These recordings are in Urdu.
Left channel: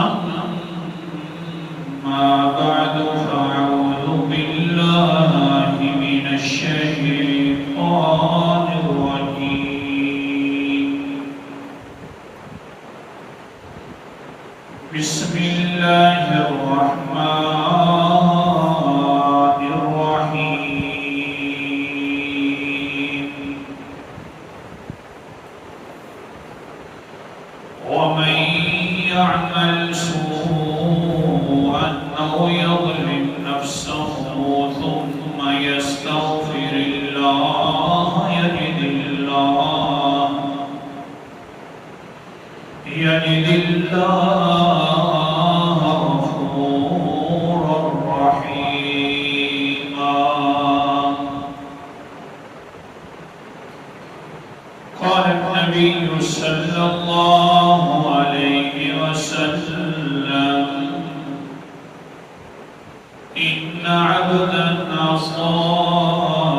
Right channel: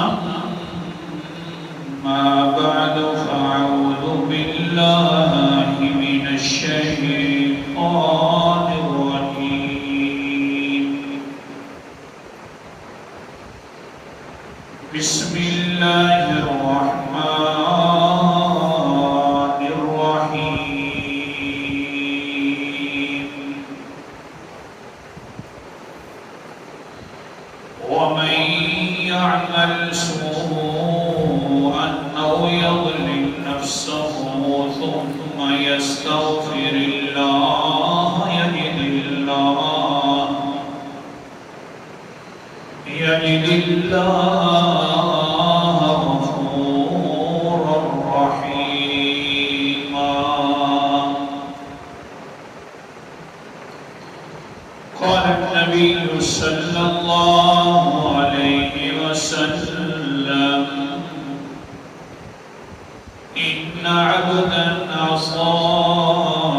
أما بعد فأعوذ بالله من الشيطان الرجيم بسم الله الرحمن الرحيم ومن يعمل سوءا أو يظلم نفسه ثم يستغفر الله يجد الله غفورا رحيما. قال النبي صلى الله عليه وسلم إن عبدا أصاب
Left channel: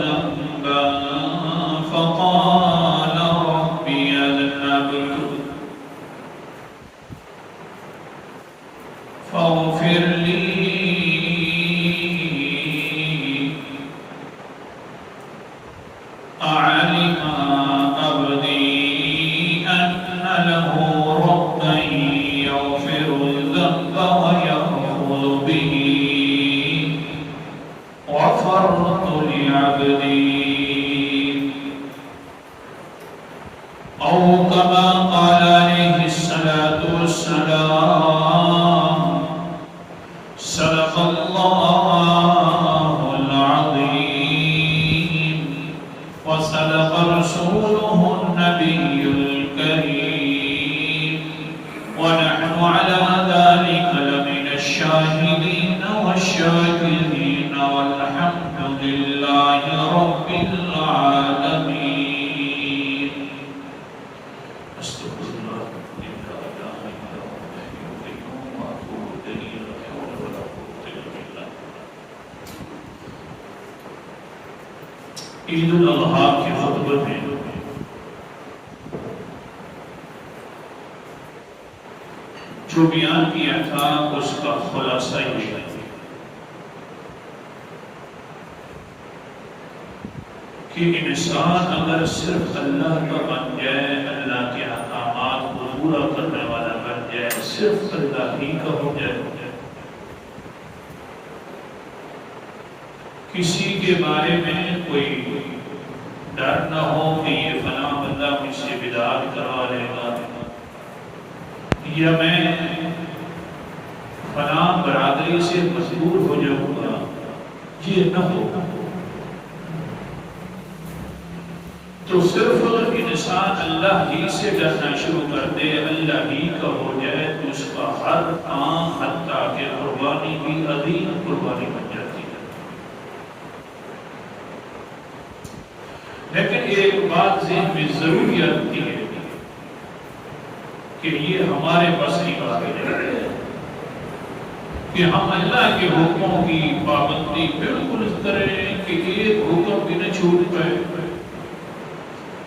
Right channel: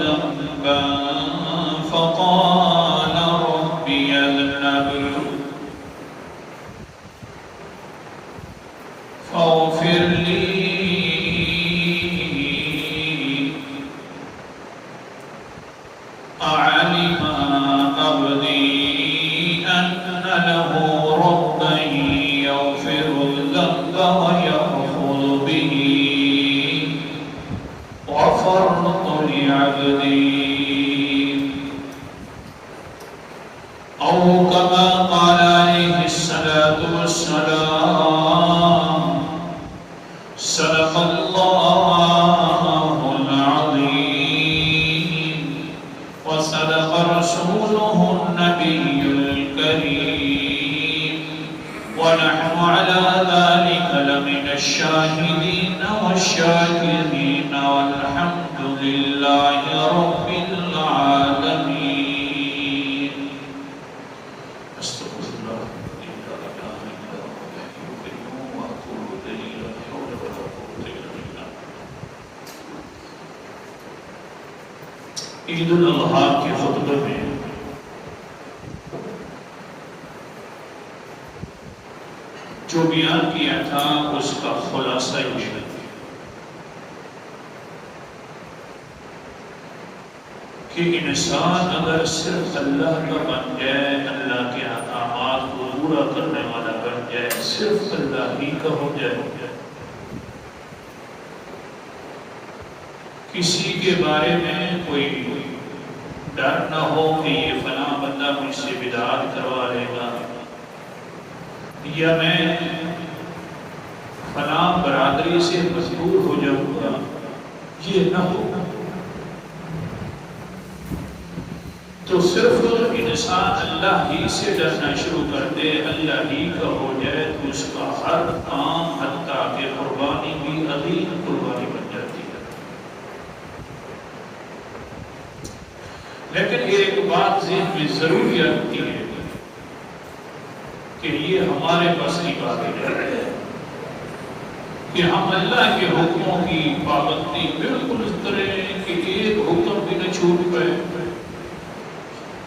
ذنبا فقال ربي اذنبت فاغفر لي أعلم عبدي أن له ربا يغفر الذنب ويأخذ به غفرت لعبدي أو كما قال عليه الصلاة والسلام صدق الله العظيم وصدق رسوله النبي الكريم ونحن على ذلك لمن الشاهدين والشاكرين والحمد لله رب العالمين. استغفر الله لا إله إلا هو الحي القيوم وأتوب إليه لا حول ولا قوة إلا بالله. عید الاضحیٰ کے خطبے میں جو بیان کیا تھا اس کا خلاصہ یہ ہے کہ انسان اگر صرف اللہ کا بن جائے، اللہ کے احکامات کو پورا کرنے والا بن جائے، صرف اللہ ہی کا ہو جائے، کسی کے بارے میں کوئی ڈر نہ ہو کہ یہ فلاں بندہ مجھ سے بدعت کروا لے گا یا میں فلاں برادری سے مجبور ہو جاؤں گا، یہ نہ ہو، تو صرف انسان اللہ ہی سے ڈرنا شروع کر دے، اللہ ہی کا ہو جائے تو اس کا ہر کام حتیٰ کہ قربانی بھی عظیم قربانی بن جاتی ہے۔ لیکن ایک بات ذہن میں ضرور آتی ہے کہ یہ ہمارے بس کی بات ہے کہ ہم اللہ کے حکموں کی پابندی بالکل اس طرح کہ ایک حکم بھی نہ چھوٹ پائے،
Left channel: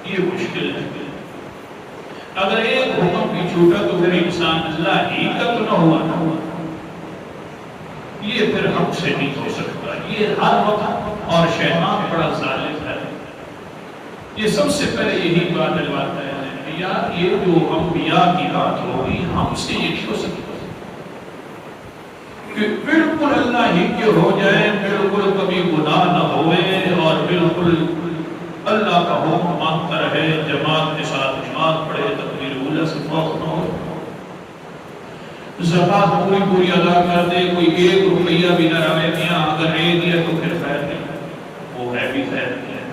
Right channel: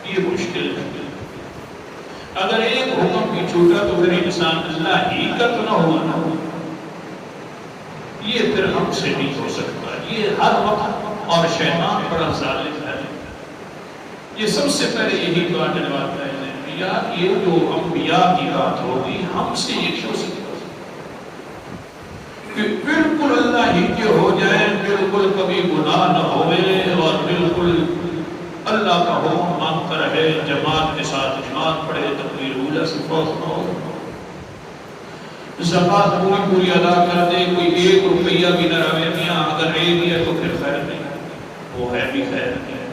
یہ مشکل ہے۔ اگر ایک حکم بھی چھوٹا تو پھر انسان اللہ ہی کا تو نہ ہوا نا، یہ پھر ہم سے نہیں ہو سکتا، یہ ہر وقت، اور شیطان بڑا ظالم ہے، یہ سب سے پہلے یہی بات ڈلواتا ہے یا یہ جو انبیاء کی بات ہوگی ہم سے یہ نہیں ہو سکتا کہ بالکل اللہ ہی کے ہو جائے، بالکل کبھی گناہ نہ ہوئے اور بالکل اللہ کا حکم مانتا رہے، جماعت کے ساتھ نماز پڑھے، تکبیر اولیٰ سے فوق نہ ہو، زکوٰۃ پوری ادا کر دے، کوئی ایک روپیہ بھی نہ رہے میاں اگر لے دیا تو پھر خیر نہیں، وہ ہے بھی خیر نہیں ہے۔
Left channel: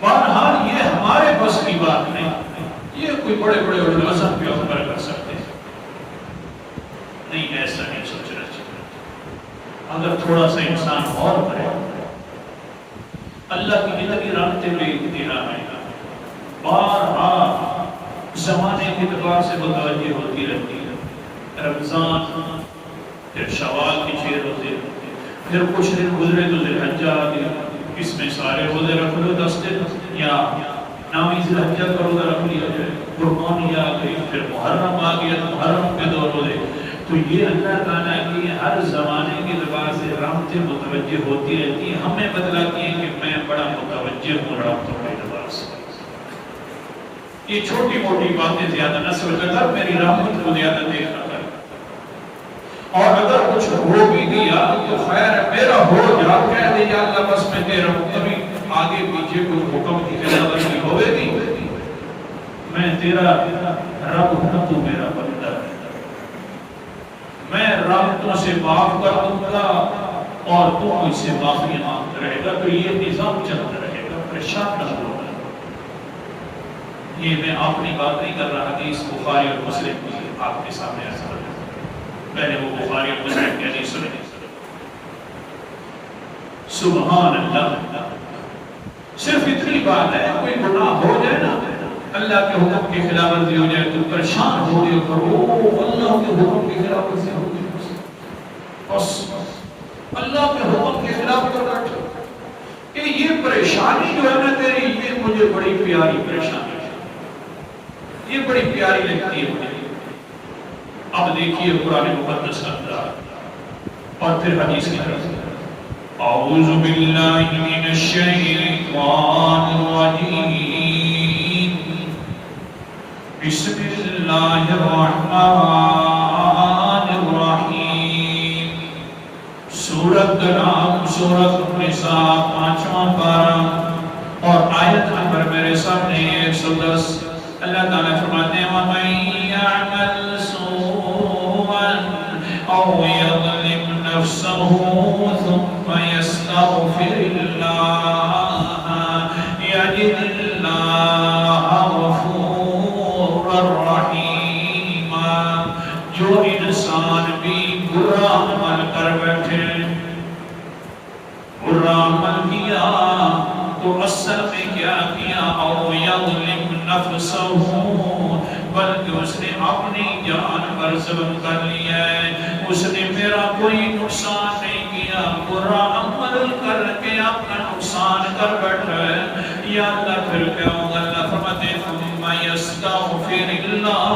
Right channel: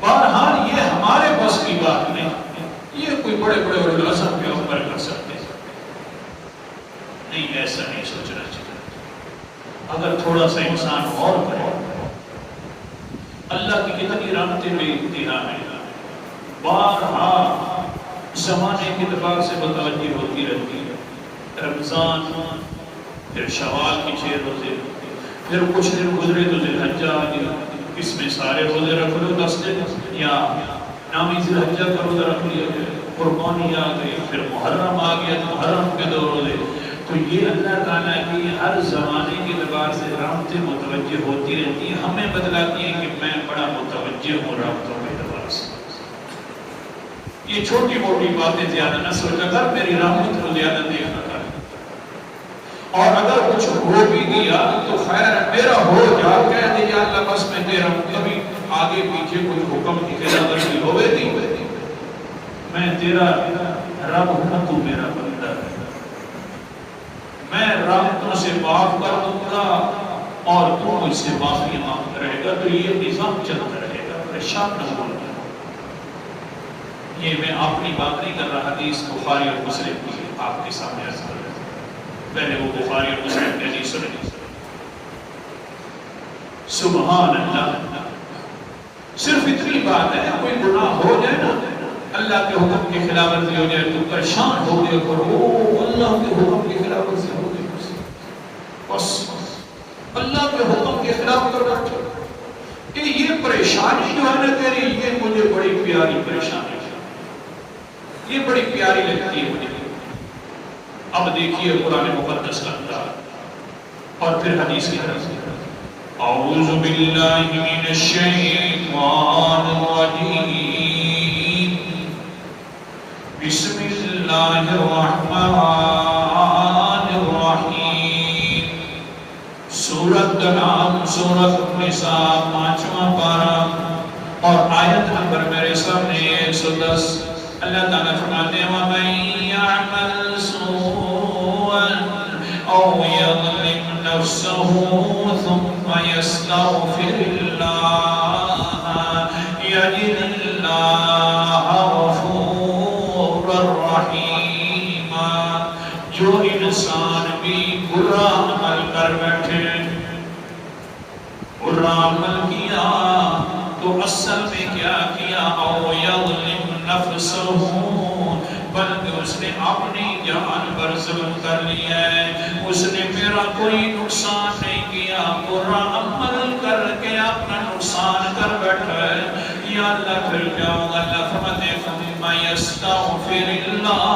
بہرحال یہ ہمارے بس کی بات نہیں، یہ کوئی بڑے بڑے علماء پیغمبر کر سکتے ہیں، نہیں ایسا نہیں سوچنا چاہیے۔ اگر تھوڑا سا انسان اور کرے، اللہ کی اتنی رحمتیں میں اتنا ہے، بارہا زمانے کے اعتبار سے بتائیے ہوتی رہتی ہے، رمضان، پھر شوال کے 6 روزے، پھر کچھ دن گزرے تو ذی الحجہ آ گیا، اس میں سارے روزے رکھ لو 10 دن، یا نامی ذی الحجہ کا روزہ رکھ لیا جائے، قربانی آ گئی، پھر محرم آ گیا تو محرم کے 2 روزے. تو یہ اللہ تعالیٰ کی ہر زمانے کے اعتبار سے رحمتیں متوجہ ہوتی رہتی ہیں، ہمیں بتلاتی ہیں کہ میں بڑا متوجہ ہوں رحمتوں کے اعتبار سے. یہ چھوٹی موٹی باتیں زیادہ نسل قدر میری رحمت کو زیادہ دیکھا کر. اور اگر کچھ ہو بھی گیا تو خیر میرا ہو جا، کہہ دے یا اللہ بس میں دے رہا ہوں، کبھی آگے پیچھے کوئی حکم کی خلافی ہوئے نہیں. میں تیرا رب ہوں، تو میرا بندہ ہے. میں رحمتوں سے معاف کر دوں گا اور تو مجھ سے معافی مانگ رہے گا. تو یہ نظام چلتا رہے گا، پریشان نہ ہو. یہ میں اپنی بات نہیں کر رہا، حدیث بخاری اور مسلم کی آپ کے سامنے عرض کر رہا ہوں. پہلے وہ بخاری اور مسلم کی حدیث سنیں. سبحان اللہ. صرف اتنی بات ہے، کوئی گناہ ہو جائے نا، اللہ کے حکم کی خلاف ورزی ہو جائے تو پریشان ہو گئے کرو، اللہ کے حکم کی خلاف ورزی ہو گئی، بس اللہ کے حکم کے خلاف کر بیٹھے. کہ یہ پریشانی جو ہے نا تیری، یہ مجھے بڑی پیاری پریشانی ہے، یہ بڑی پیاری لگتی ہے مجھے. اب دیکھیے قرآن مقدس کا انداز اور پھر حدیث کی طرف. اعوذ باللہ من الشیطان الرجیم، بسم اللہ الرحمن الرحیم. سورت کا نام سورت النساء 5واں پارہ اور آیت نمبر میرے سامنے 110. اللہ تعالیٰ فرماتے ہیں وَمَن يَعْمَلْ سُوءًا أَوْ يَظْلِمْ نَفْسَهُ ثُمَّ يَسْتَغْفِرِ اللَّهَ يَجِدِ اللَّهَ غَفُورًا رَحِيمًا. جو انسان بھی برا عمل کر بیٹھے، برا عمل کیا تو اصل میں کیا کیا؟ او یظلم نفسہ، بلکہ اس نے اپنی جان پر ظلم کر لیا ہے. اس نے میرا کوئی نقصان نہیں کیا، برا عمل کر کے اپنا نقصان کر بیٹھا ہے. یا اللہ پھر کیا ہوگا؟ اللہ فرماتے ہیں ثم یستغفر اللہ،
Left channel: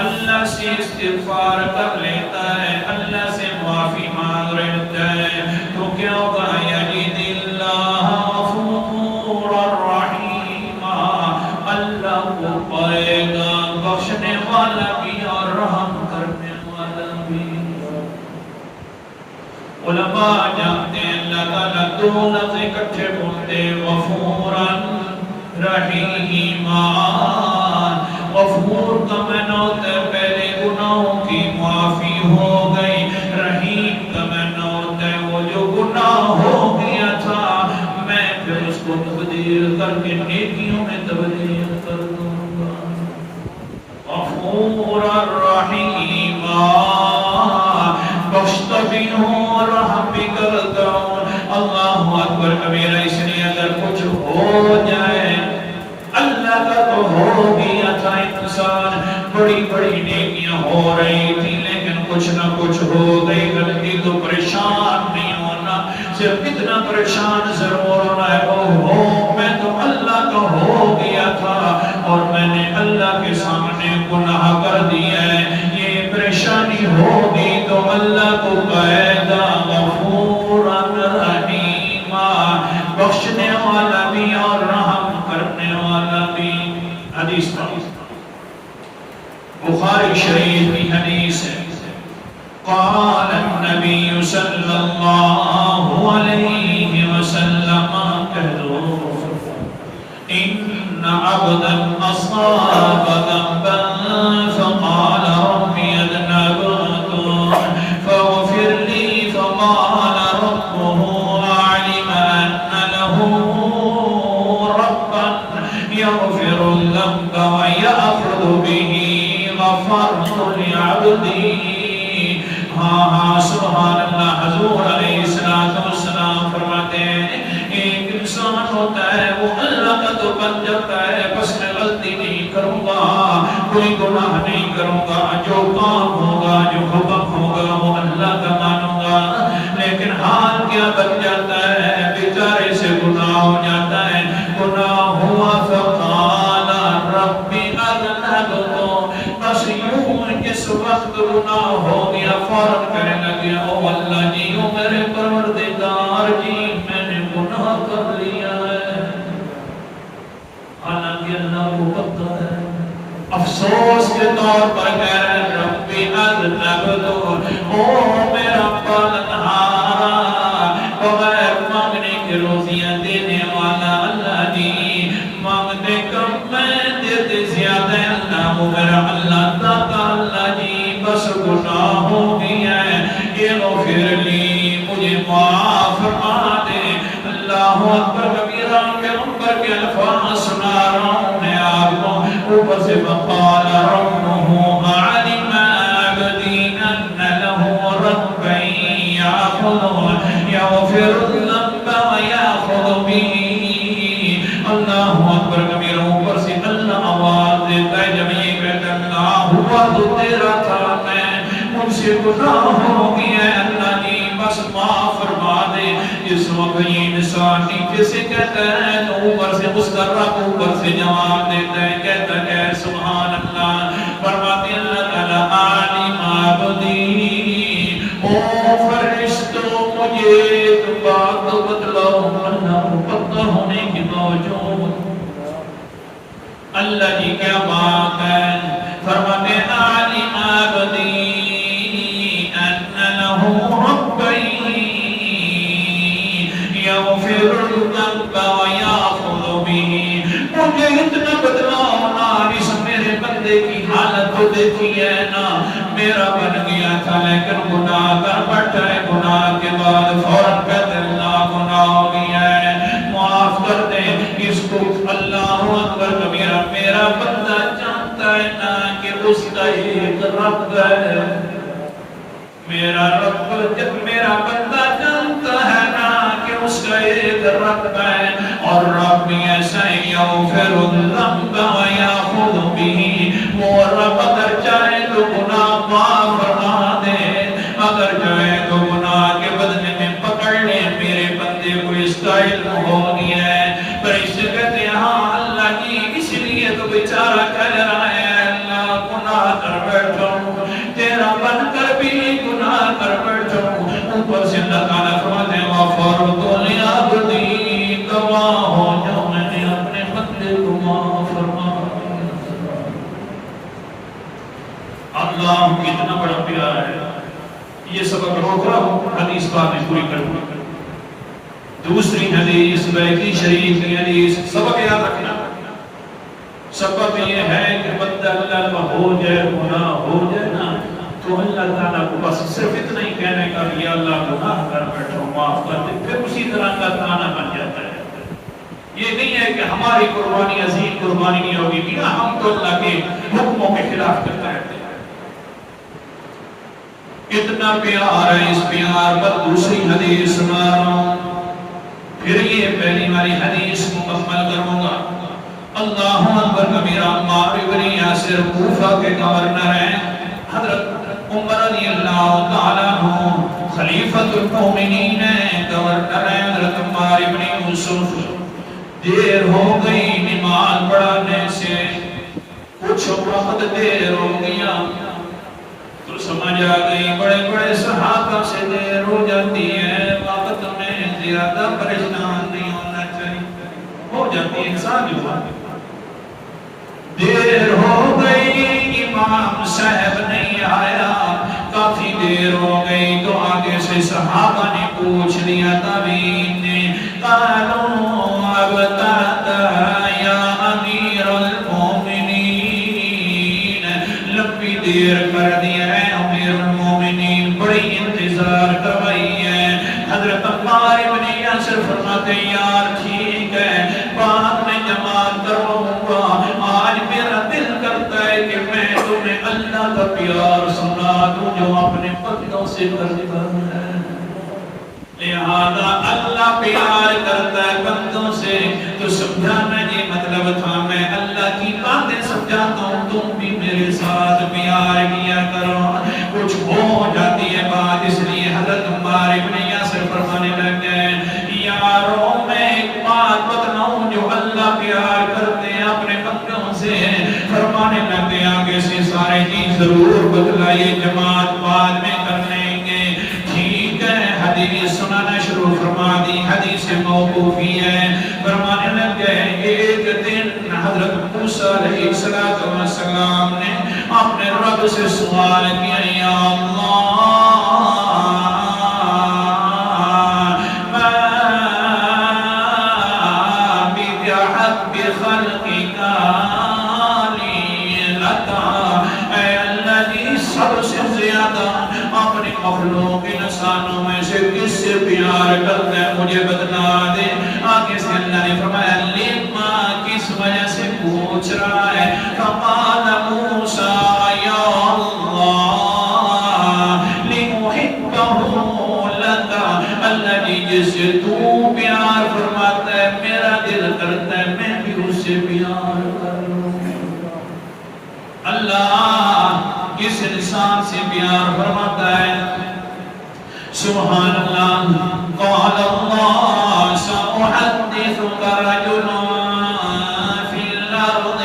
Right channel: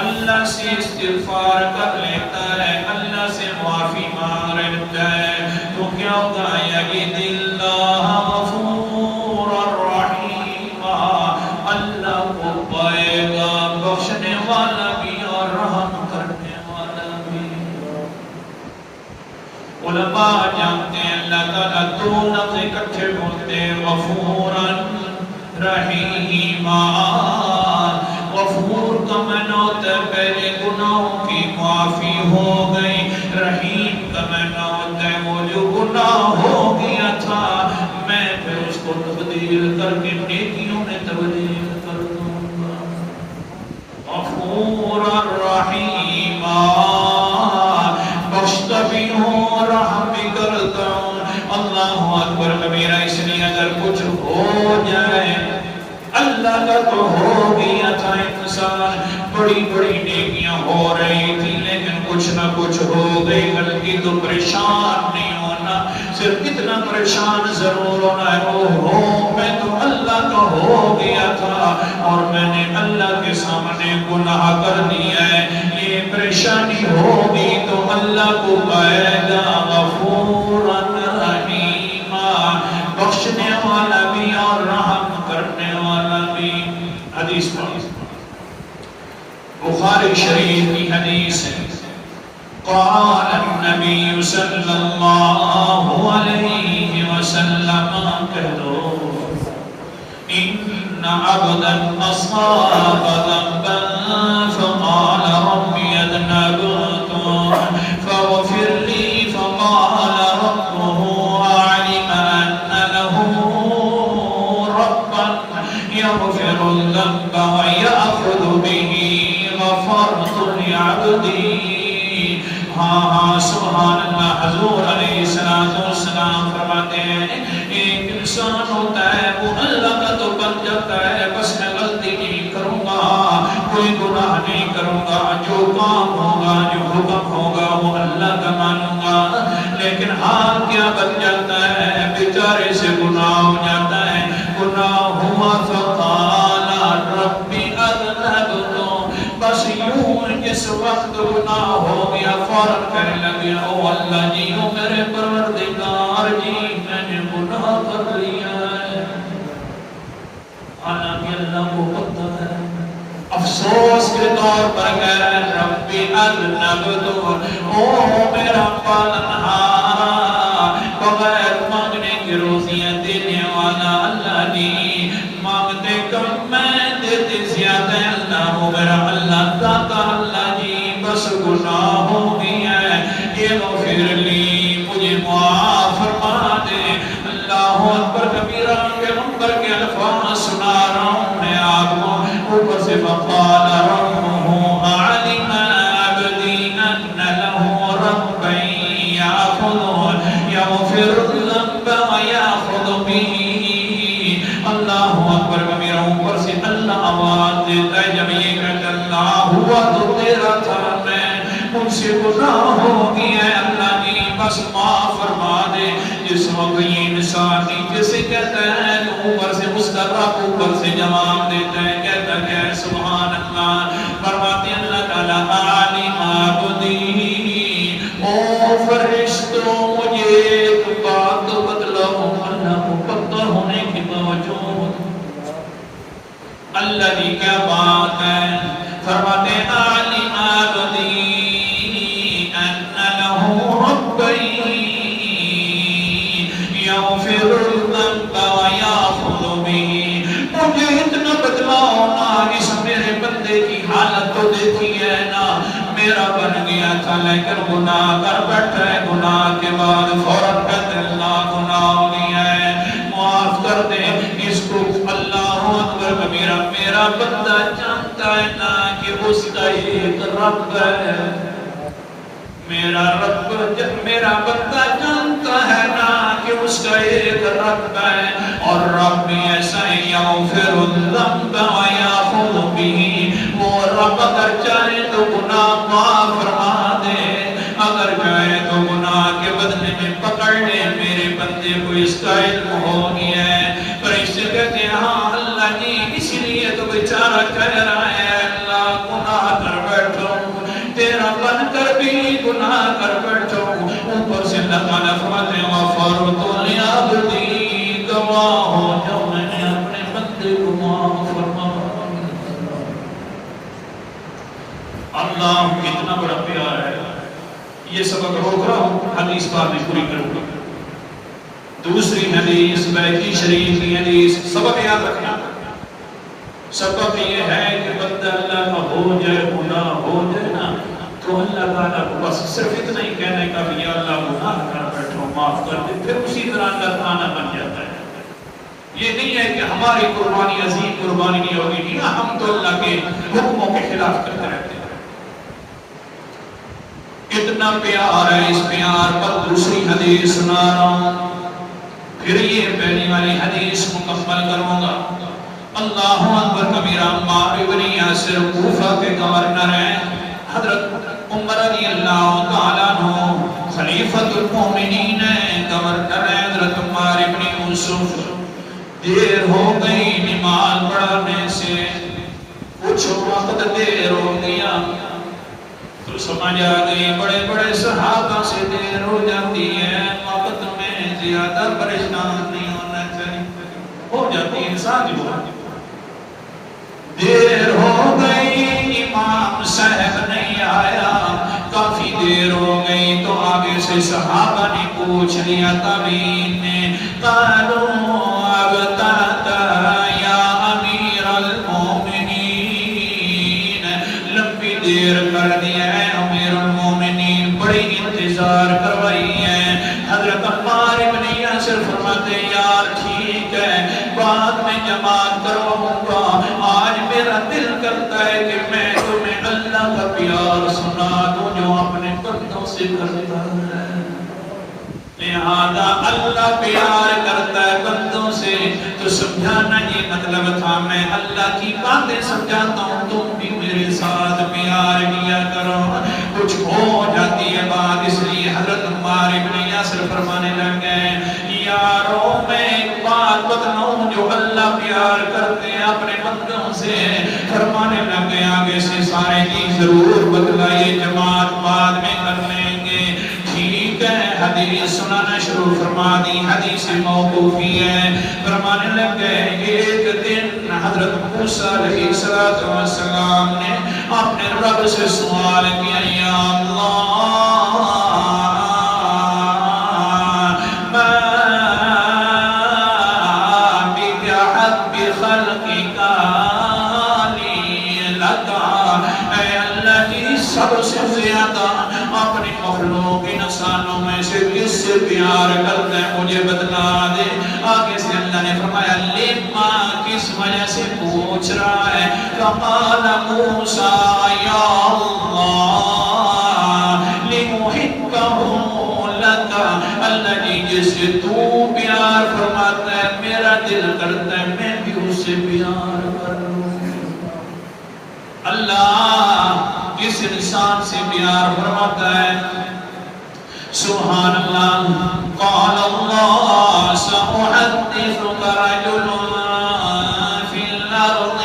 اللہ سے استغفار کر لیتا ہے، اللہ سے معافی مانگ لیتا ہے، تو کیا ہوگا؟ یجد اللہ غفورا رحیما، اللہ کو پائے گا بخشنے والا بھی اور رحم کرنے والا بھی. علماء جانتے ہیں اللہ تعالیٰ 2 لفظ اکٹھے بولتے ہیں، غفورا رحیما. غفور کا معنی ہوتا ہے پہلے گناہوں کی معافی ہو گئی، رحیم کا معنی ہوتا ہے وہ جو گناہ ہو گیا تھا میں پھر اس کو تبدیل کر کے نیکیوں میں تبدیل کر دوں گا. غفورا رحیما، بخشتا بھی ہوں، رحم بھی کرتا ہوں. اللہ اکبر کبیرہ. اس لیے اگر کچھ ہو جائے اللہ کا تو ہو گیا تھا. انسان بڑی بڑی نیکیاں ہو رہی تھی لیکن کچھ نہ کچھ ہو گئی غلطی، تو پریشان نہیں ہونا، صرف اتنا پریشان ضرور ہونا ہے او میں تو اللہ کا ہو گیا تھا اور میں نے اللہ کے سامنے گناہ کر دیا ہے. یہ پریشانی ہوگی تو اللہ کو پائے گا غفورا رحیما، بخشنے والا بھی اور رحم کرنے والا بھی. حدیث بخاری شریف کی حدیث ہے. قال النبی صلی اللہ علیہ وسلم، کہو ان عبدا اصاب ذنبا فقال ربی اذنبت فاغفر لی، فقال ربه علم ان له ربا يغفر الذنب ويأخذ به غفرت لعبدي. ہاں سبحان اللہ. حضور علیہ السلام فرماتے ہیں ایک انسان ہوتا ہے وہ اللہ کا تو بن جاتا ہے، بس میں غلطی نہیں کروں گا، کوئی گناہ نہیں کروں گا، جو کام ہوگا جو حکم ہوگا وہ اللہ کا مانوں گا. لیکن حال کیا بن جاتا ہے؟ بیچارے سے گناہ ہو جاتا ہے. گناہ ہوا فقال ربی اذنبت جس وقت گناہ ہو گیا فوراً کہنے لگے او اللہ جی او میرے پروردگار جی میں نے گناہ کر لیا ہے. حالانکہ اللہ کو پتہ ہے. افسوس کے طور پر کہہ رہے ہیں ربی اذنبت او میرا پالنہار بغیر مانگنے کی روزیاں دینے والا اللہ جی مانگتے کم میں دیتے زیادہ اللہ مغرہ اللہ داتا اللہ جی بس گناہ ہو گیا ہے یہ غفر لی مجھے معاف فرما دے. اللہ اکبر کبیرہ پیغمبر کے الفاظ سنا رہا ہوں میں آپ کو اوپر سے فقال ربه علم عبدي ان له ربا يغفر الذنب ويأخذ به. اللہ اکبر کبیرہ اوپر سے اللہ آواز دیتا ہے جب یہ کہتا اللہ ہوا تو تیرا تھا میں مجھ سے گناہ ہو گیا ہے اللہ جی بس معاف فرما دے. اس وقت یہ انسان نیچے سے کہتا ہے تو اوپر سے مسترق اوپر سے جواب دیتا ہے کہتا ہے سبحان اللہ. فرماتے اللہ تعالیٰ عالم عبدی او فرشتوں مجھے ایک بات بتلاؤ اللہ کو پتہ ہونے کی باوجود اللہ جی کیا بات ہے. فرماتے عالم عبدی ان له ربی یغفر الذنب ویأخذ به. مجھے اتنا بدلاؤ نا اس میرے بندے کی حالت تو دیکھی ہے نا میرا بن گیا تھا لیکن گناہ کر بیٹھا ہے گناہ کے بعد فوراً کہتے اللہ گناہ ہو گیا ہے معاف کر دے اس کو. اللہ اکبر کبیرہ میرا بندہ جانتا ہے نا کہ اس کا ایک رب ہے. میرا رب جب میرا بندہ جانتا ہے نا کہ اس کا ایک رب ہے اور رب ایسا یغفر الذنب ویأخذ به. وہ رب اگر چاہے تو گناہ معاف فرما دے اگر چاہے تو گناہ کے بدلے میں پکڑ لے. میرے بندے کو اس کا علم ہو گیا ہے پر اس سے کہتے ہیں ہاں اللہ جی اس لیے تو بیچارہ کہہ رہا ہے اللہ گناہ کر بیٹھا ہوں تیرا بن کر بھی گناہ کر بیٹھا ہوں. اوپر سے اللہ تعالیٰ فرماتے ہیں غفرت لعبدی گواہ ہو جب میں نے اپنے بندے کو معاف فرما. اللہ کتنا بڑا پیار ہے. یہ سبق روک رہا ہوں حدیث بعد میں پوری کروں گا. دوسری حدیث بیہقی شریف کی حدیث سبق یاد رکھنا. سبق یہ ہے کہ بندہ اللہ کا ہو جائے گناہ ہو جائے نا تو اللہ تعالیٰ کو بس صرف اتنا ہی کہنے کا کہ یا اللہ گناہ کر بیٹھو معاف کر دے پھر اسی طرح اللہ تعالیٰ بن جاتا ہے. یہ نہیں ہے کہ ہماری قربانی عظیم قربانی نہیں ہوگی کہ ہم تو اللہ کے حکموں کے خلاف کرتے رہتے ہیں. اتنا پیار ہے اس پیار پر دوسری حدیث سنا رہا ہوں پھر یہ پہلی والی حدیث مکمل کروں گا. اللہ اکبر کبیرہ عمار بن یاسر کوفہ کے گورنر ہیں. حضرت عمر رضی اللہ تعالیٰ عنہ خلیفۃ المومنین ہیں گورنر ہیں. حضرت عمار بن یوسف دیر ہو گئی نماز پڑھانے سے کچھ وقت دیر ہو گیا تو سمجھ آ گئی بڑے بڑے صحابہ سے دیر ہو جاتی ہے وقت میں زیادہ پریشان نہیں ہونا چاہیے ہو جاتی ہے انسان جو دیر ہو گئی امام صاحب نہیں آیا کافی دیر ہو گئی تو آگے سے صحابہ نے پوچھ لیا تابعین نے قالوا ابتعت یا امیر المومنین لمبی دیر کر دیا ہے امیر المومنین بڑی انتظار کروائی ہے. حضرت عمار بن یاسر فرماتے یار ٹھیک ہے بعد میں جماعت کرواؤں گا آج میرا دل کرتا ہے کہ میں تمہیں اللہ کا پیار سنا دوں جو اپنے بندوں سے کرتا ہے. لہذا اللہ پیار کرتا ہے بندوں سے تو سمجھانا یہ مطلب تھا میں اللہ کی باتیں سمجھاتا ہوں تم بھی میرے ساتھ پیار کیا کرو. کچھ ہو جاتی ہے بات اس لیے حضرت عمار بن یاسر فرمانے لگے یارو میں ایک بات بتلاؤں جو اللہ پیار کرتے ہیں اپنے بندوں سے. فرمانے لگے آگے سے سارے نہیں ضرور بتلائیے جماعت بعد میں کر لیں گے ٹھیک ہے حدیث سنانا شروع فرما دی حدیث موقوفی ہے فرمانے لگے ایک دن حضرت موسیٰ علیہ السلام نے اپنے رب سے سوال کیا یا اللہ پیار کرتا ہے مجھے بتلا دے آگے سے اللہ نے فرمایا لما کس وجہ سے پوچھ رہا ہے فقال موسیٰ یا اللہ لمحبہ لکا اللہ جس سے تو پیار فرماتا ہے میرا دل کرتا ہے میں بھی اس سے پیار کروں اللہ کس انسان سے پیار فرماتا ہے سبحان اللہ قال اللہ سأحدثك رجل في الأرض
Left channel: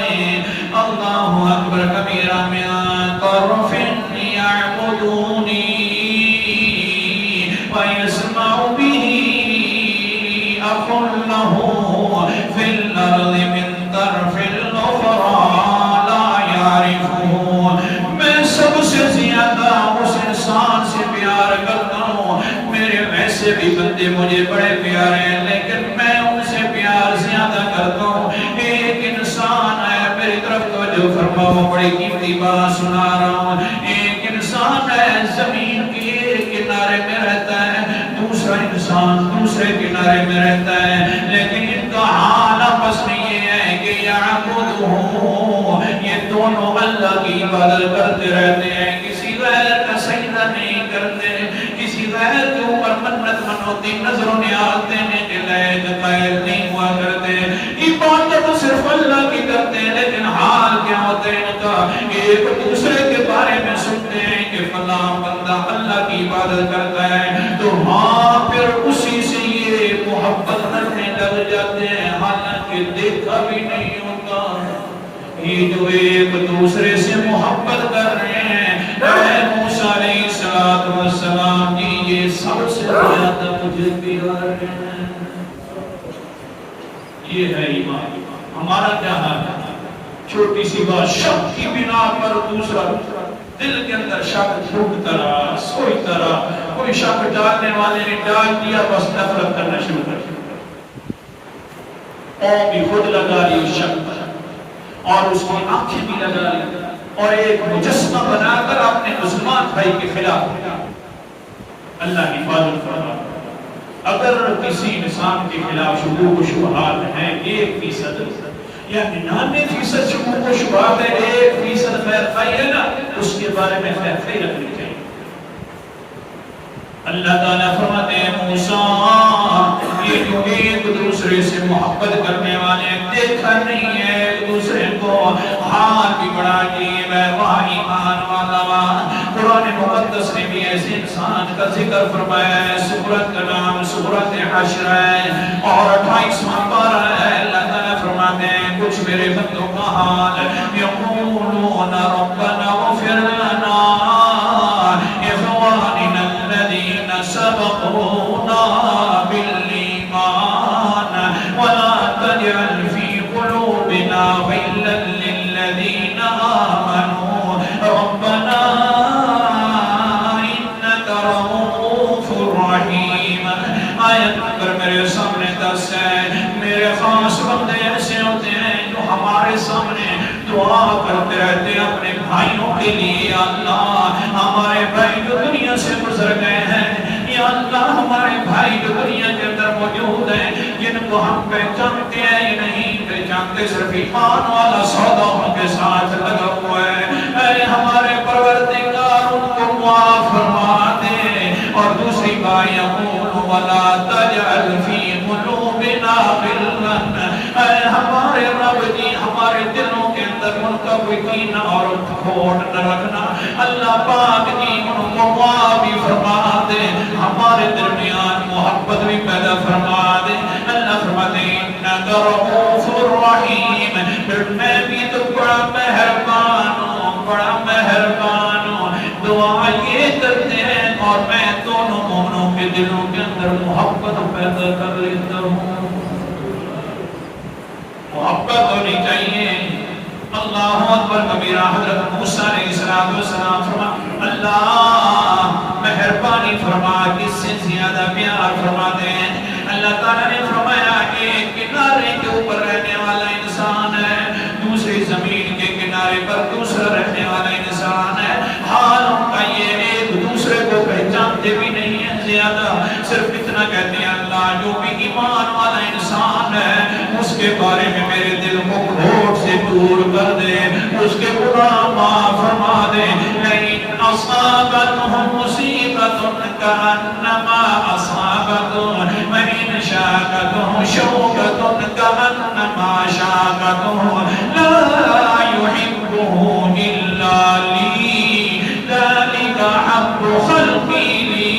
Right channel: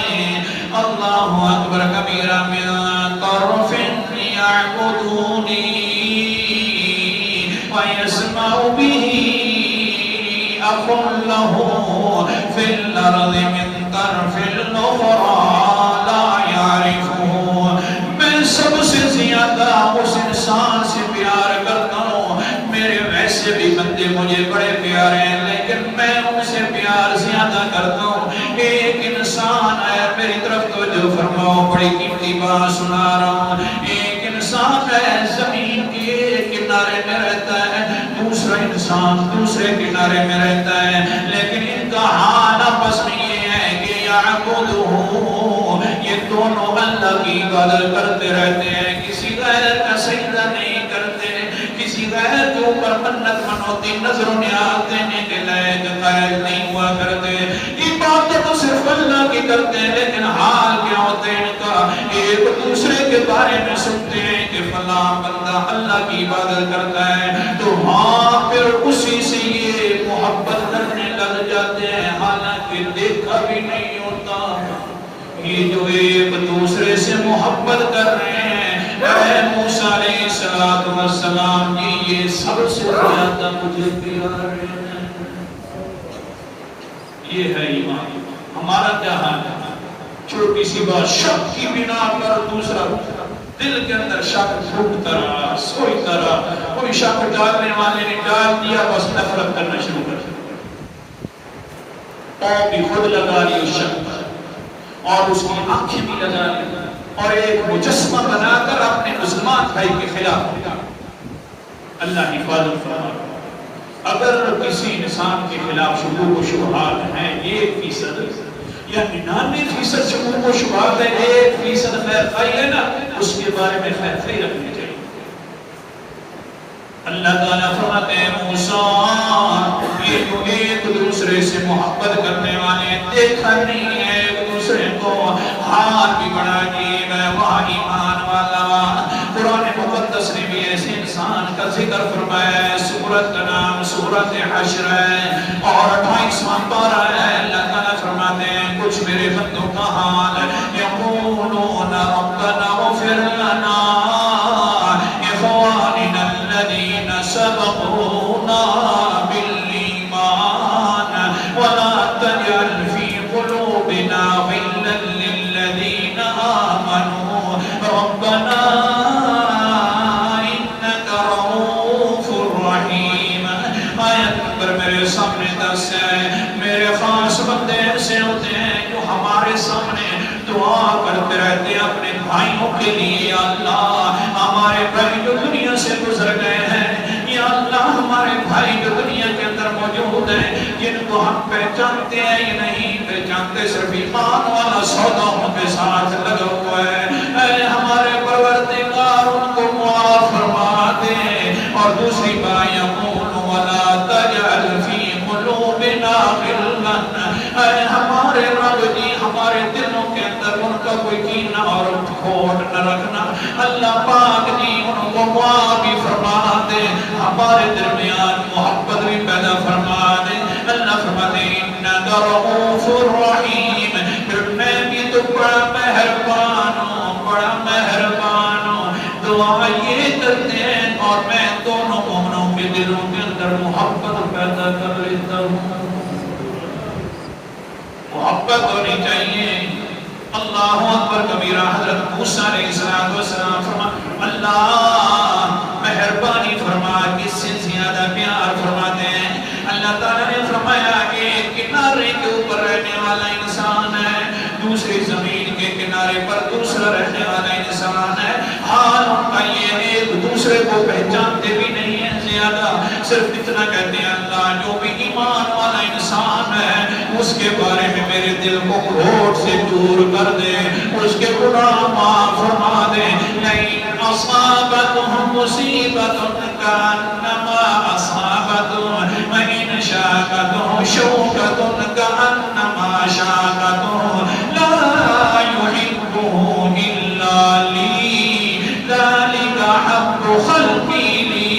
اللہ اکبر کبیرہ من طرف يعبدوني ويسمع به أخ له في الأرض من طرف الأخرى لا يعرفه میں سب سے زیادہ اس انسان سے پیار کرتا سے بھی بندے مجھے بڑے پیار ہیں لیکن میں ان سے پیار زیادہ کرتا ہوں ایک انسان ہے میری طرف توجہ فرماؤ بڑی قیمتی بات سنا رہا ہوں ایک انسان ہے زمین کے ایک کنارے میں رہتا ہے دوسرا انسان دوسرے کنارے میں رہتا ہے لیکن ان کا حال آپس میں یہ ہے کہ یعبدہ یہ دونوں اللہ کی عبادت کرتے رہتے ہیں کسی غیر کا سجدہ نہیں کرتے کسی غیر کے اوپر منت منوتی نظروں میں آتے ہیں کہ لائق قائل نہیں ہوا کرتے عبادت صرف اللہ کی کرتے ہیں لیکن حال کیا ہوتے ہیں کا ایک دوسرے کے بارے میں سنتے ہیں کہ فلاں بندہ اللہ کی عبادت کرتا ہے تو وہاں پھر اسی سے یہ محبت کرنے لگ جاتے ہیں حالانکہ دیکھا بھی نہیں ہوتا یہ جو ایک دوسرے سے محبت کر رہے ہیں اے موسیٰ علیہ السلام کی یہ سب سے زیادہ مجھے پیار ہے یہ ہے ایمان ہمارا کیا حال ہے چھوٹی سی بات شک کی بنا پر دوسرا دل کے اندر شک پھوٹتا رہا کوئی شک ڈالنے والے نے ڈال دیا بس نفرت کرنا شروع کر دیا پاؤں کی خود لگا لی اس شک پر اور اس کی آنکھیں بھی لگا لی اور ایک مجسمہ بنا کر اپنے مسلمان بھائی کے خلاف اللہ حفاظت فرما اگر کسی انسان کے خلاف شکوک و شبہات ہیں 1% یا 99% شکوک و شبہات ہے 1% خیر خواہی ہے نا اس کے بارے میں خیر خواہی رکھنی چاہیے اللہ تعالیٰ فرماتے ہیں موسیٰ یہ جو ایک دوسرے سے محبت کرنے والے دیکھا نہیں ہے ایک دوسرے کو ہاتھ بھی بڑھا عجیب ہے وہاں ایمان والا قرآن مقدس نے بھی ایسے انسان کا ذکر فرمایا ہے سورت کا نام سورت حشر ہے اور 28واں پارہ ہے اللہ تعالیٰ فرماتے ہیں کچھ میرے بندوں کا حال یقولون ربنا اغفر لنا اخواننا الذین سبقونا بالایمان ولا تجعل فی قلوبنا غلا للذین آمنوا ربنا میرے سامنے دس ہے میرے خاص بندے ایسے ہوتے ہیں جو ہمارے سامنے دعا کرتے رہتے ہیں اپنے بھائیوں کے لیے اللہ ہمارے بھائی جو دنیا سے گزر گئے ہیں یا اللہ ہمارے بھائی جو دنیا کے اندر موجود ہیں جن کو ہم پہچانتے ہیں یا نہیں پہچانتے صرف ایمان والا سودا ان کے ساتھ لگا ہوا ہے اے ہمارے پروردگار ان کو معاف فرما دے اور دوسری بات یقول ولا تجعل فی قلوبنا غلا اے ہمارے رب جی ہمارے دلوں کے اندر ان کا کوئی کینہ اور کھوٹ نہ رکھنا اللہ پاک جی ان کو معاف فرما دے ہمارے درمیان محبت بھی پیدا فرما دے اللہ فرماتے انک رؤوف رحیم پھر میں بھی تو بڑا مہربان ہوں بڑا مہربان دعا یہ کرتے ہیں اور میں دونوں مومنوں کے دلوں کے اندر محبت پیدا کر لیتا ہوں. محبت ہونی چاہیے. اللہ اکبر کبیرہ. حضرت موسیٰ علیہ السلام فرما اللہ مہربانی فرما کس سے زیادہ پیار فرما دیں. اللہ تعالیٰ نے فرمایا کہ کنارے کے اوپر رہنے والا انسان ہے, دوسری زمین کے کنارے پر دوسرا رہنے والا انسان ہے. حال ان کا یہ ہے ایک دوسرے کو پہچانتے بھی نہیں ہیں زیادہ, صرف اتنا کہتے ہیں اللہ جو بھی ایمان والا انسان ہے اس کے بارے میں میرے دل کو گھوٹ سے دور کر دے, اس کے گناہ معاف فرما دے. لیکن اصابتهم مصیبت کانما اصابتهم وان شاکتهم شوکت کانما شاکتهم لا يحبه الا لی ذلك حق خلقی لی.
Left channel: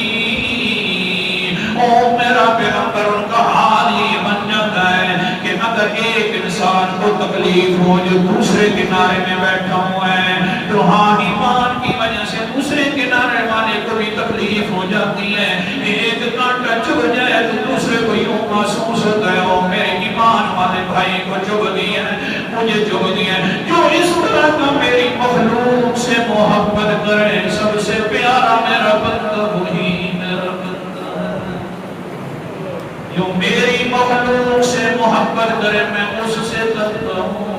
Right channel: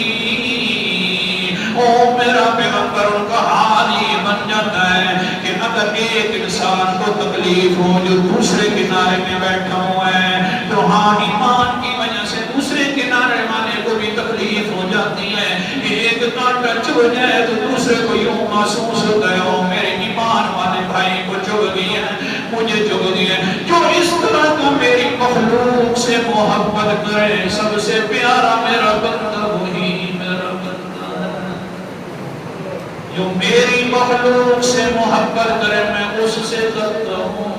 او میرا پیغمبر کا حال یہ بن جاتا ہے کہ اگر ایک انسان کو تکلیف ہو جو دوسرے کنارے میں بیٹھا ہوا ہے تو ہاں ایمان کی وجہ سے دوسرے کنارے والے کو بھی تکلیف ہو جاتی ہے. ایک کانٹا چبھ جائے تو دوسرے کو یوں محسوس ہوتا ہے او میرے ایمان والے بھائی کو چبھ دیا مجھے چبھ دیا. جو اس طرح کا میری مخلوق سے محبت کرے سب سے پیارا میرا بندہ وہی میرا بندہ ہے. جو میری مخلوق سے محبت کرے میں اس سے لگتا ہوں.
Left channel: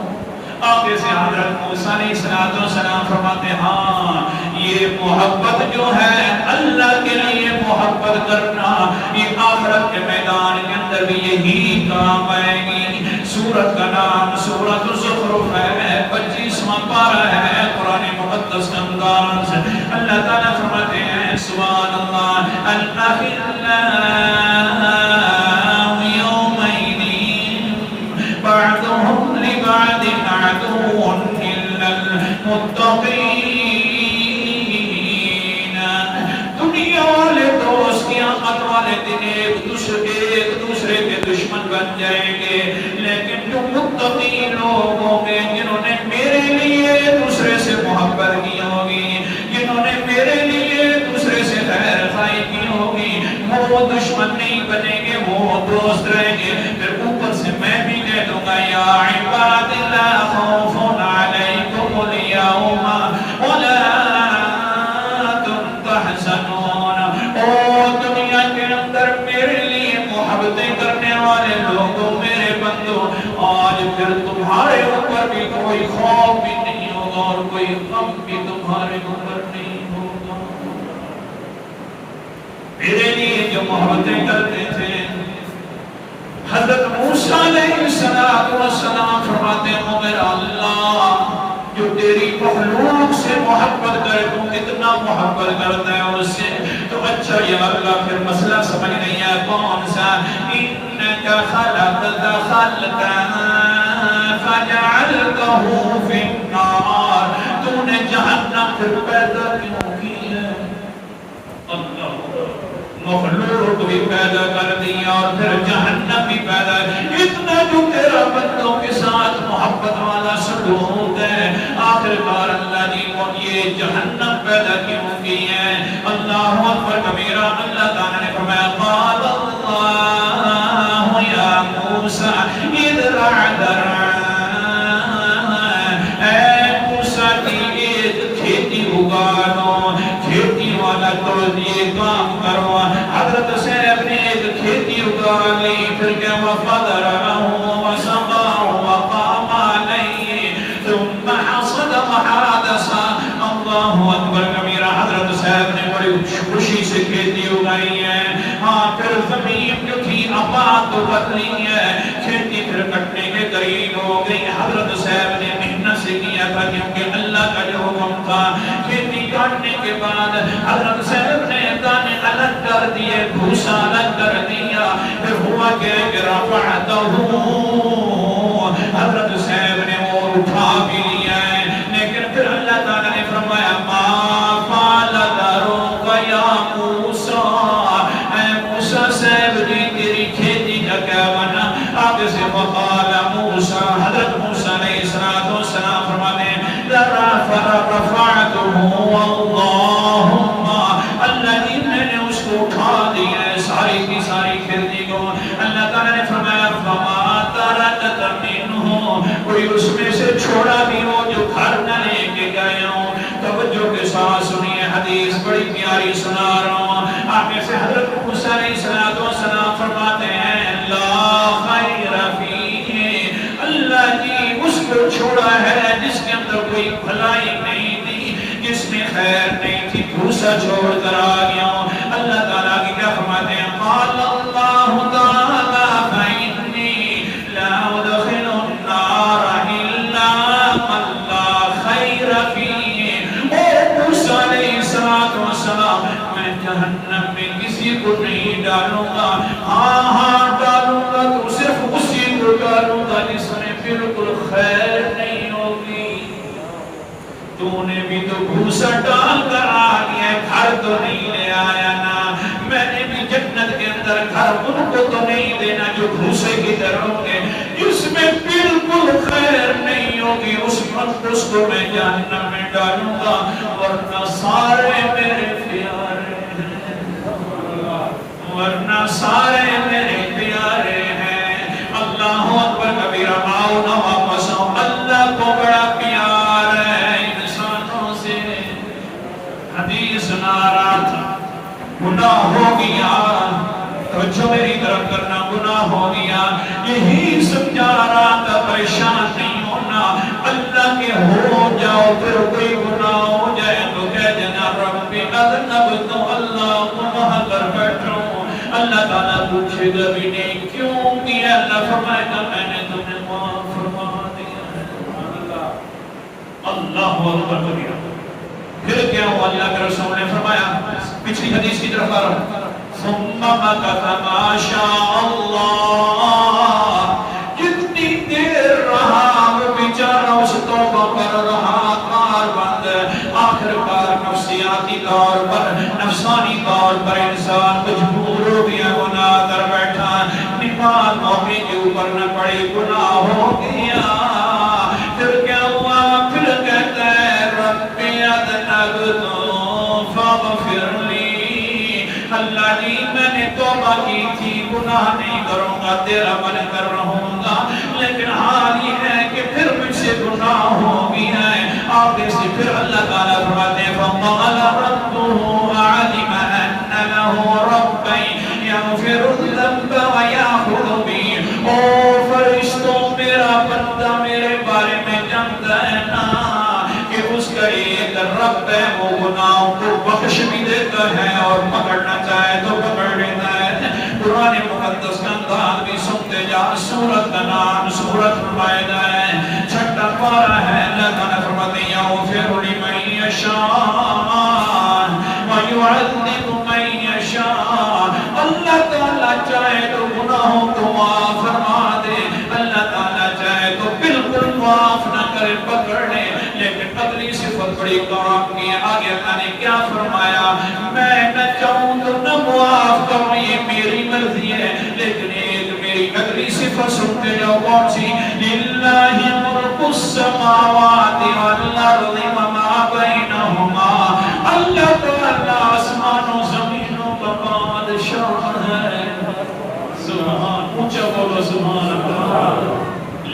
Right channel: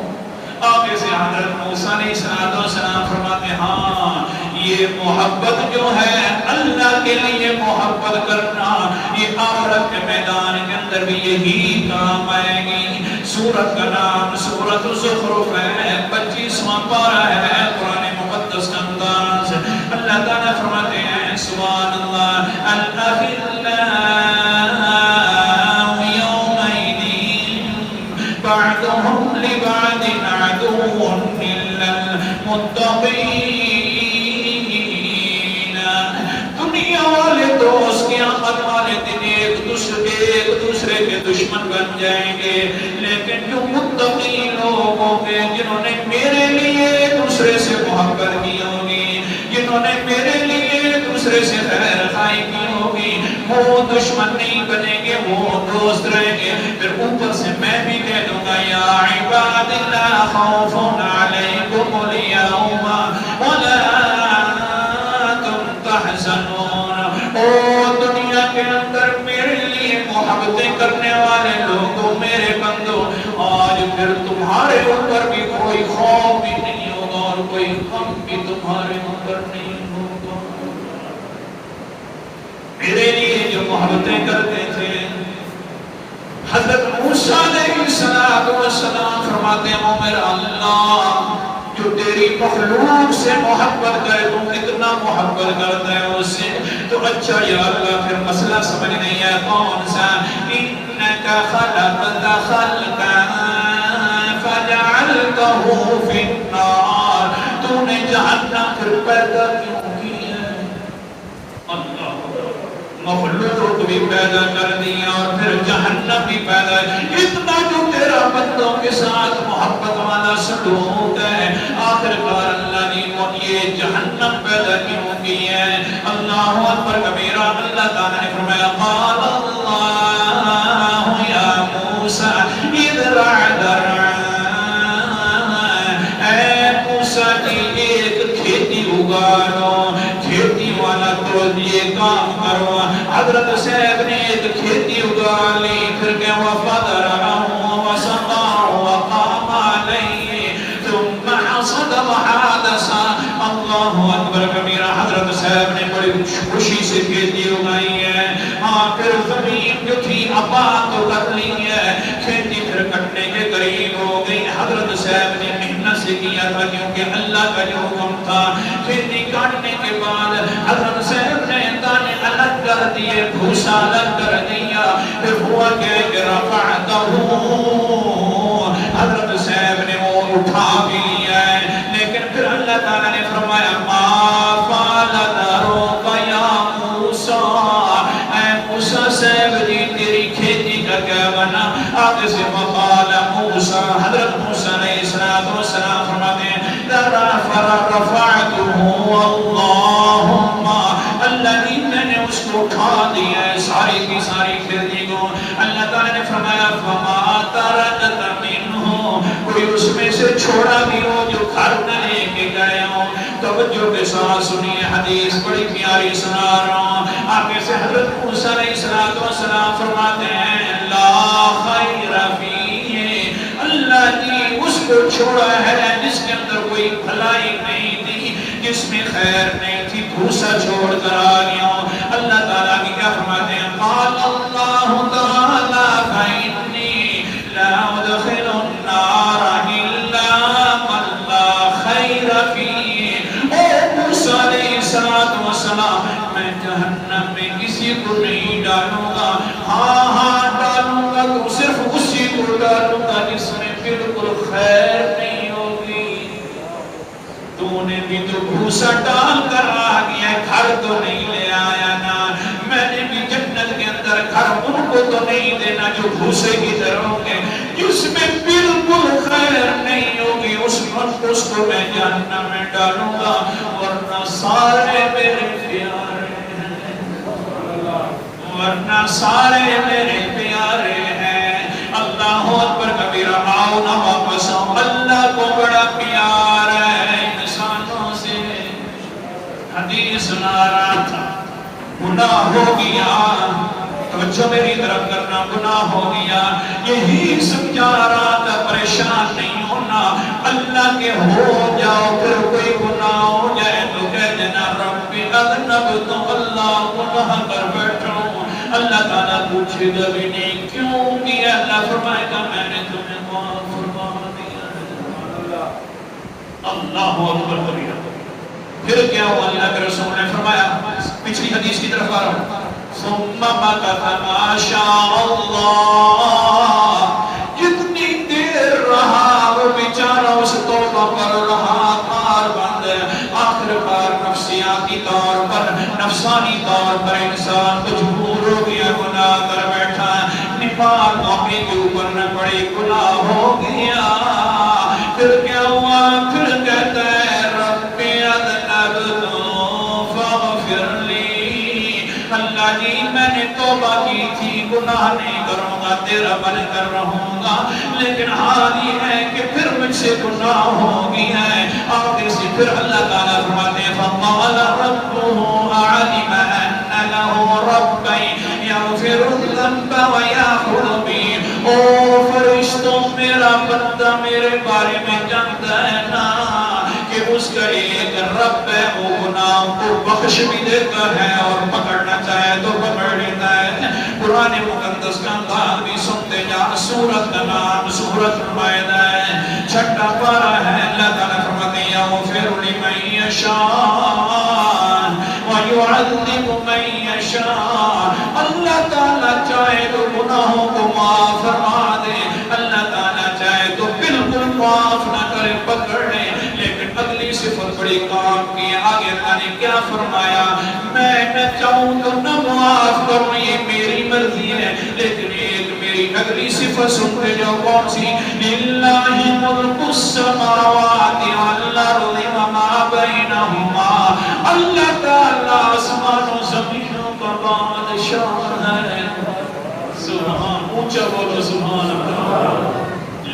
آگے سے حضرت موسیٰ علیہ السلام فرماتے ہیں ہاں یہ محبت جو ہے اللہ کے لیے محبت کرنا یہ آخرت کے میدان کے اندر یہی کام آئے گی. سورت کا نام سورت الزخرف ہے, 25واں پارہ ہے قرآن مقدس کا انداز. اللہ تعالیٰ فرماتے ہیں سبحان اللہ الأخلاء بعضهم لبعض عدو إلا المتقين. دنیا والے دوست قیامت والے دن ایک دوسرے کے دشمن بن جائیں گے, لیکن جو متقی لوگ ہوں گے جنہوں نے میرے لیے ایک دوسرے سے محبت کی ہوگی, جنہوں نے میرے لیے ایک دوسرے سے خیر خواہی کی ہوگی, وہ دشمن نہیں بنیں گے, وہ دوست رہیں گے. پھر اوپر سے میں بھی کہہ دوں گا یا عباد لا خوف علیکم اليوم ولا تم تحزنون. او دنیا کے اندر میرے لیے محبتیں کرنے والے لوگوں میرے بندو, آج پھر تمہارے اوپر بھی کوئی خوف بھی نہیں ہوگا اور کوئی غم بھی تمہارے اوپر نہیں ہوگا. میرے لیے جو محبتیں کرتے تھے حضرت موسیٰ علیہ السلام فرماتے ہیں او میرا اللہ جو تیری مخلوق سے محبت کرے تم کتنا محبت کرتا ہے اس سے تو اچھا یا اللہ پھر مسئلہ سمجھ نہیں ہے کون سا. انکا خلقت خلقا فجعلتہ فی النار, تو نے جہنم پھر پیدا کیوں کی ہے. اللہ مخلوق بھی پیدا کر دیا اور پھر جہنم بھی پیدا. اتنا جو تیرا بندوں کے ساتھ محبت والا سلوک ہے آخر کار اللہ نے یہ جہنم پیدا کیوں کی ہے. اللہ اکبر کبیرہ. اللہ تعالیٰ نے فرمایا قال اللہ یا موسیٰ اذرع اے موسیٰ کی ایک کھیتی اگانو, کھیتی والا تو یہ کام کرو. حضرت صاحب نے ایک کھیتی اگا لی, پھر کیا وَفَدَرَهُ وَسَقَاهُ وَقَامَ عَلَيْهِ ثُمَّ حَصَدَ وَحَادَثَ. اللہ اکبر کبیرہ. حضرت صاحب نے بڑی خوشی سے کھیتی اگائی ہے. ہاں پھر زمین جو تھی آباد تو کر لی ہے, کھیتی پھر کٹنے کے قریب ہو گئی. حضرت صاحب نے محنت سے کیا تھا کیونکہ اللہ کا جو حکم تھا. کھیتی کاٹنے کے بعد حضرت صاحب نے دانے الگ کر دیے, بھوسا الگ کر دیا. پھر ہوا کہ رفعتہ حضرت صاحب نے وہ اٹھا بھی لیا ہے, لیکن پھر اللہ تعالیٰ نے فرمایا قال ذروک یا موسیٰ, اے موسیٰ صاحب جی تیری کھیتی کا کیا بنا. آگے سے وقال موسیٰ, حضرت موسیٰ علیہ السلام فرماتے ہیں رفعتہ اللہ ساتھ سنیے حدیث بڑی پیاری سنا رہا ہوں آگے سے حضرت موسیٰ علیہ السلام فرماتے ہیں لا خیر فیہ اللہ نے اس کو چھوڑا ہے جس کے اندر کوئی بھلائی نہیں تھی جس میں خیر نہیں تھی بھوسا چھوڑ کر آ گیا ہوں اللہ تعالیٰ کی کیا فرماتے ہیں قال اللہ تعالیٰ فإنی لا ادخل النار الا من لا خیر فیہ اے موسیٰ علیہ السلام میں جہنم میں کسی کو نہیں ڈالوں گا ہاں ڈالوں گا تو صرف اسی کو ڈالوں گا جس میں بالکل خیر نہیں ہوگی تو نے بھی تو بھوسا ڈال کر آ گیا گھر تو نہیں لے آیا نا میں نے بھی جنت کے اندر گھر ان کو تو نہیں دینا جو بھوسے کی طرح ہوں گے جس میں بالکل خیر نہیں ہوگی اس وقت اس کو میں جہنم میں ڈالوں گا ورنہ سارے میرے پیارے ورنہ سارے میرے پیارے ہیں اللہ اکبر کبیرہ آؤ نہ واپس اللہ کو بڑا پیار ہے انسانوں سے حدیث سنا رہا تھا گناہ ہو گیا توجہ میری طرف کرنا گناہ ہو گیا یہی سمجھا رہا تھا پریشان نہیں ہونا اللہ کے ہو جاؤ پھر کوئی گناہ ہو جائے تو کہہ دینا رب اذنب تو اللہ گناہ پر بیٹھا ہوں اللہ تعالیٰ پوچھے گا بھی نہیں کیوں کیا اللہ فرمائے گا میں نے تمہیں معاف فرما دیا اللہ اکبر کبیرہ پھر کیا ہوا اللہ کے رسول نے فرمایا پچھلی حدیث کی طرف آ رہا ہوں ثم مکث ما شاء اللہ جتنی دیر رہا وہ بیچارہ اس توبہ کر رہا کار بند آخر کار نفسیاتی طور پر نفسانی طور پر انسان مجبور ہو گیا گناہ کر بیٹھا نماز موقع کے اوپر نہ پڑی گناہ ہو گیا پھر کیا ہوا پھر کہتا ہے رب اذنبت فاغفر لی اللہ جی میں نے توبہ کی تھی گناہ نہیں کروں گا تیرا بل کر رہوں گا لیکن حال یہ ہے کہ پھر مجھ سے گناہ ہو گیا ہے آگے سے پھر اللہ تعالیٰ فرماتے ہیں فَقَالَ رَبُّهُ عَلِمَ أَنَّ لَهُ رَبًّا يَغْفِرُ الذَّنبَ وَيَأْخُذُ بِهِ او فرشتوں میرا بندہ میرے بارے میں جانتا ہے نا کہ اس کا ایک رب ہے وہ گناہوں کو بخش بھی دیتا ہے اور پکڑنا چاہے تو پکڑ لیتا ہے قرآن مقدس کا انداز بھی سنتے جا سورت کا نام سورت مائدہ ہے چھٹا پارا ہے اللہ تعالیٰ فرماتے ہیں یغفر لمن یشاء ویعذب من یشاء اللہ تعالیٰ چاہے تو گناہوں کو معاف فرما دے اللہ تعالیٰ چاہے تو بالکل معاف نہ کرے پکڑ لے لیکن اگلی صفت بڑی کام کی آگے اللہ نے کیا فرمایا میں نہ چاہوں تو نہ معاف کروں یہ میری مرضی ہے لیکن ایک میری اگلی صفت سن کے جاؤ کون سی للہ ملک السماوات والارض وما بینہما اللہ تعالیٰ آسمان و زمینوں کا بادشاہ ہے سبحان اونچا بولو سبحان اللہ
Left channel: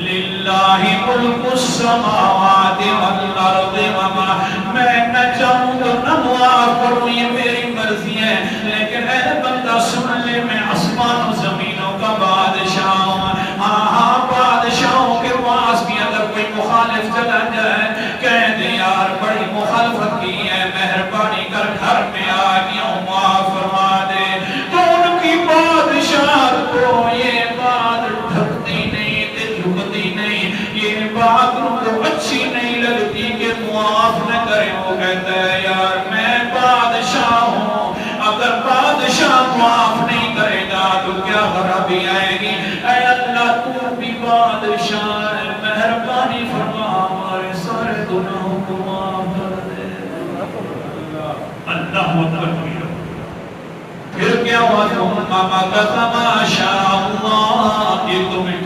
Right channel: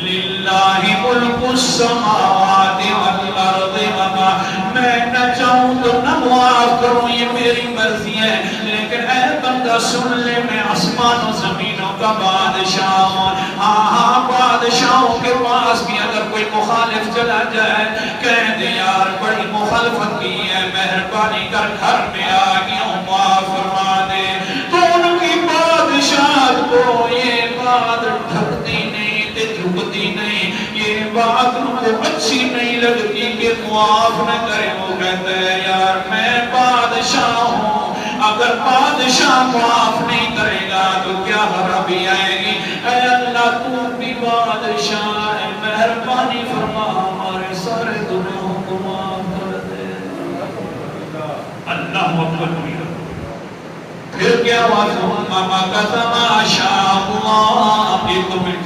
للہ ملک السماوات والارض وما میں نہ چاہوں تو نہ معاف کروں یہ میری مرضی ہے لیکن اے بندہ سن لے میں آسمان و زمینوں کا بادشاہ ہوں ہاں بادشاہوں کے پاس بھی اگر کوئی مخالف چلا جائے کہہ دے یار بڑی مخالفت کی ہے مہربانی کر گھر میں آ گیا ہوں معاف فرما دے تو ان کی بادشاہ کو یہ بات ڈھکتی نہیں تے جھکتی نہیں یہ بات ان کو اچھی نہیں لگتی کہ معاف نہ کرے وہ کہتا ہے یار میں بادشاہ ہوں اگر بادشاہ معاف نہیں کرے گا تو کیا خرابی آئے گی اے اللہ تو بھی بادشاہ ہے مہربانی فرما ہمارے سارے گناہوں کو معاف کر دے اللہ اکبر پھر کیا ہوا ثم مکث ما شاء اللہ ایک دو منٹ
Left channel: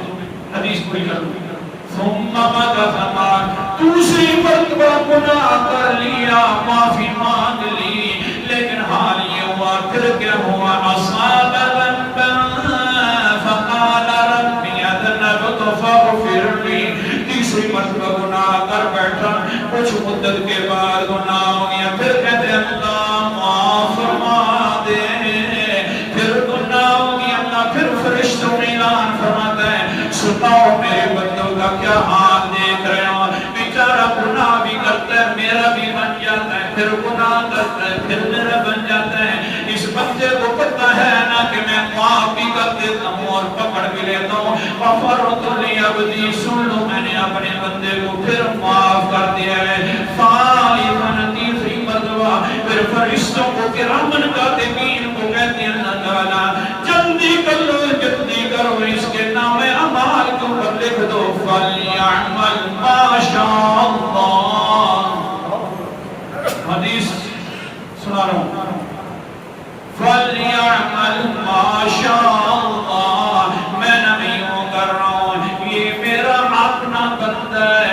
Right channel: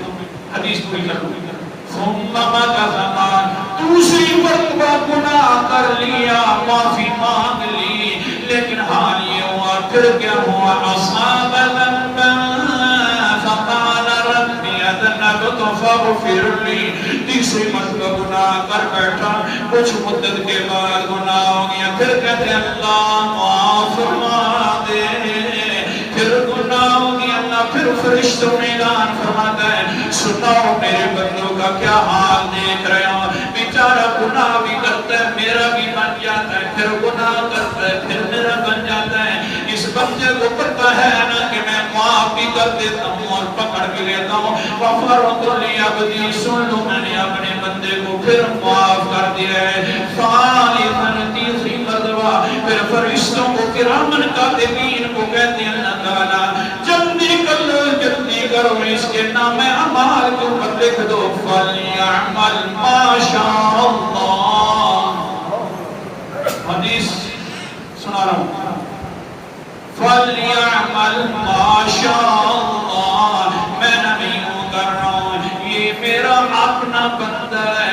حدیث پوری کر لوں ثم مکث ما دوسری مرتبہ گناہ کر لیا معافی مانگ لی لیکن حال یہ ہوا پھر کیا ہوا اصحاب ذنبا فقال رب اذنبت فاغفر لی تیسری مرتبہ گناہ کر بیٹھا کچھ مدت کے بعد گناہ ہو گیا پھر کرتا ہے پھر میرا بن جاتا ہے. اس بندے کو پتہ ہے نا کہ میں معاف بھی کر دیتا ہوں اور پکڑ بھی لیتا ہوں. غفرت لعبدی، سن لو میں نے اپنے بندے کو پھر معاف کر دیا ہے. ثالثاً تیسری مرتبہ پھر فرشتوں کو کرامن کاتبین کو کہتے ہیں اللہ تعالیٰ جلدی کر لو، جلدی کرو، اس کے نام اعمال کے اوپر لکھ دو فَلْيَعْمَلْ مَا شَاءَ اللَّهُ. حدیث سنا رہا ہوں. فَلْيَعْمَلْ مَا شَاءَ اللَّهُ، میں نبی ہوں کر رہا ہوں، یہ میرا اپنا بندہ ہے.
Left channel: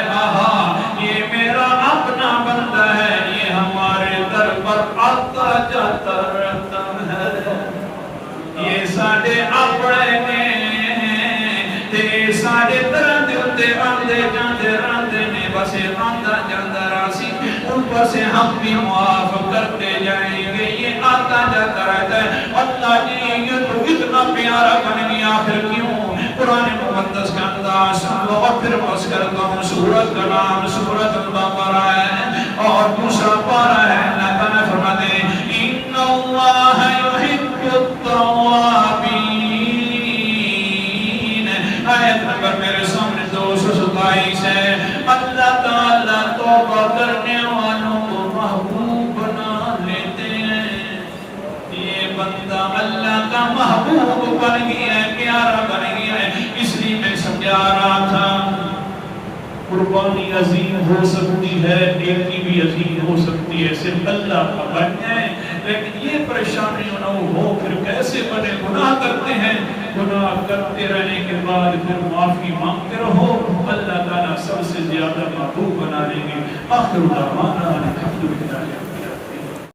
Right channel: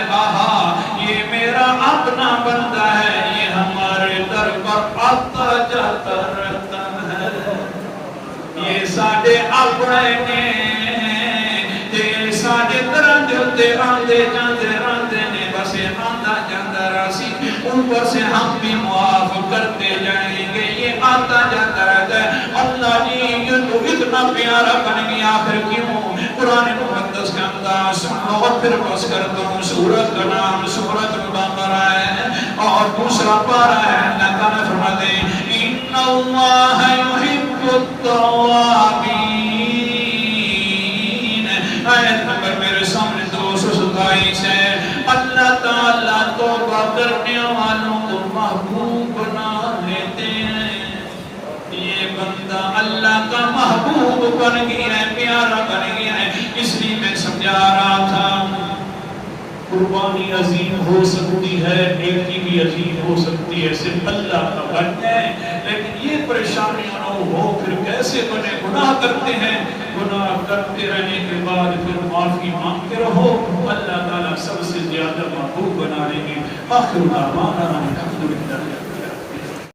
یہ میرا اپنا بندہ ہے، یہ ہمارے در پر آتا جاتا رہتا ہے. یہ ساڑھے اپنے نے تے ساڑھے درد تے آندے جاندے راندے نے بس آندہ جاندہ راسی ان پر سے ہم بھی معاف کرتے جائیں گے. یہ آتا جاتا رہتا ہے. اللہ جی یہ تو اتنا پیارا بن گیا پھر کیوں؟ قرآن مقدس کا انداز بہت پھر پس کرتا ہوں. سورت کا نام سورت البقرہ ہے اور دوسرا پارہ ہے. اللہ تعالیٰ فرماتے ہیں ان اللہ یحب التوابین. آیت نمبر میرے سامنے 227 ہے. اللہ تعالیٰ توبہ کرنے والوں کو محبوب بنا لیتے ہیں. یہ بندہ اللہ کا محبوب بن گیا ہے، پیارا بن گیا ہے. اس لیے میں سمجھا رہا تھا قربانی عظیم ہو سکتی ہے، نیکی بھی عظیم ہو سکتی ہے، صرف اللہ کا بن جائے. لیکن یہ پریشانی نہ ہو پھر کیسے بنے؟ گناہ کرتے ہیں، گناہ کرتے رہنے کے بعد پھر معافی مانگتے رہو، اللہ تعالیٰ سب سے زیادہ محبوب بنا دیں گے. آخر دعوانا الحمدللہ.